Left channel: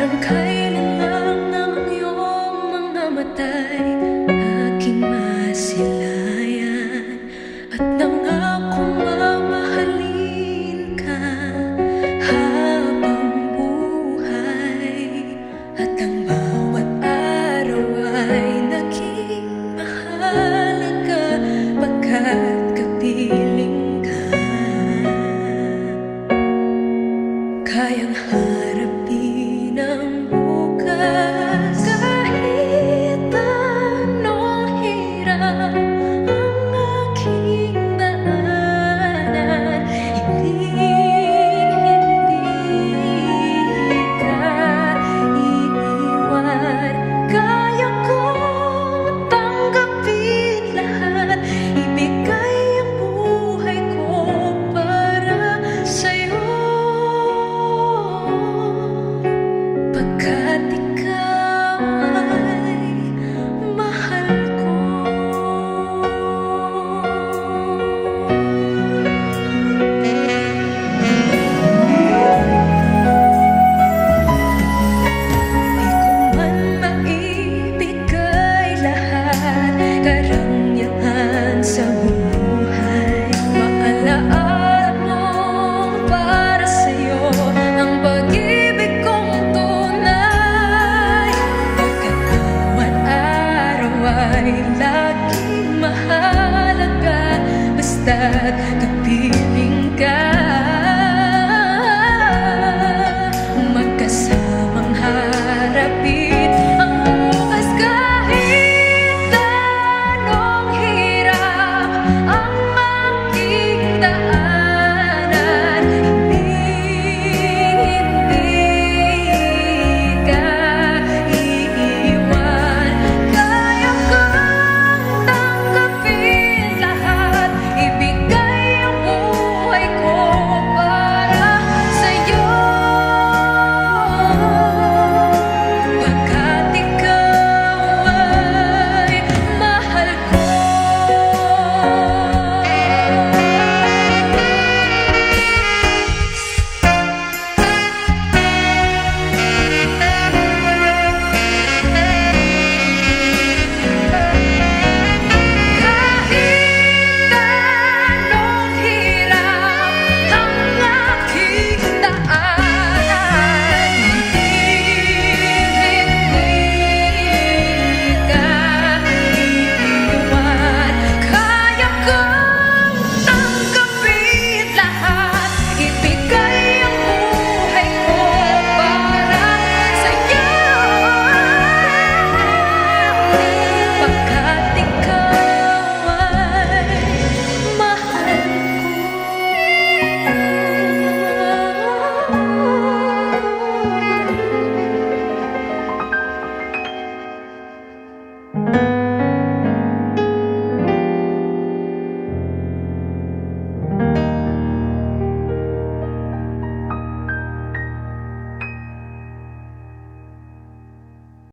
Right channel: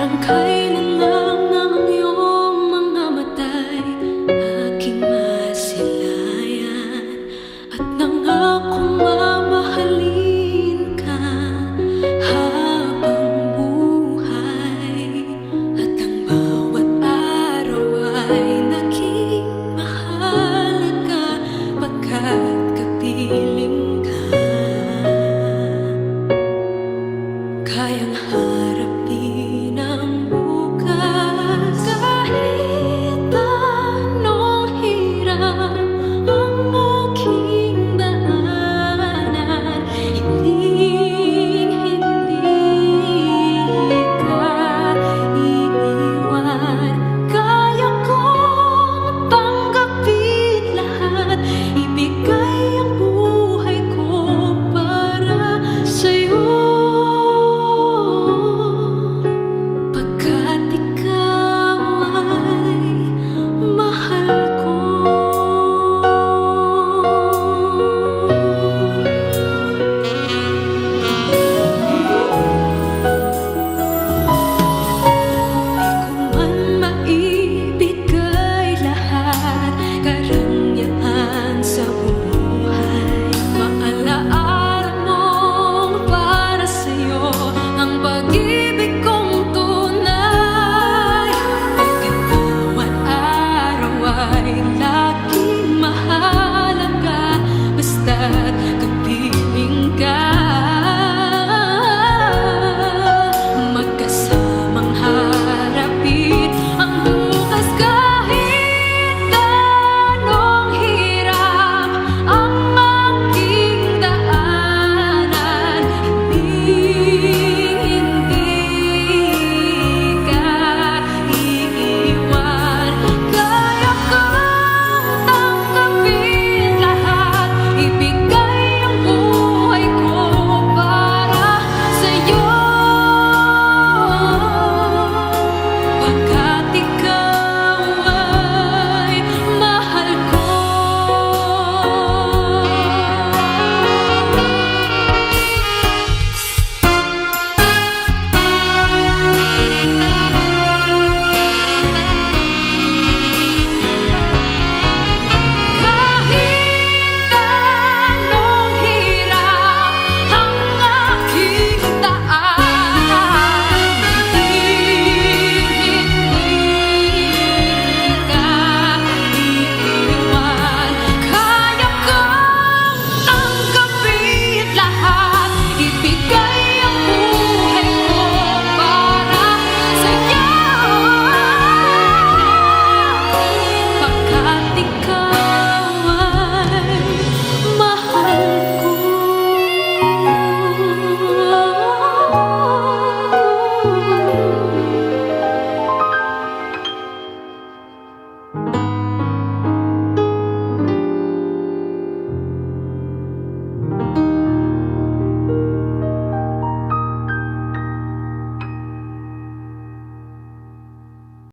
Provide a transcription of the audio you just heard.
Parang kailan lang ng iyong mga mata'y aking masilayan, at nangakong mamahalin ka habang buhay. At ang bawat araw ay naging mahalaga pagkat kapiling ka. Kayang harapin ang bukas kahit anong hirap ang aking daanan. Hindi ka iiwan. Kaya kong tanggapin lahat, ibigay ang buhay ko para sa'yo. Pagkat ikaw ay mahal ko. Di ko man maibigay lahat, karangyaan sa buhay. Maalaala mong para sa'yo ang pag-ibig kong tunay. Pagkat bawat araw ay laging mahalaga basta't kapiling ka.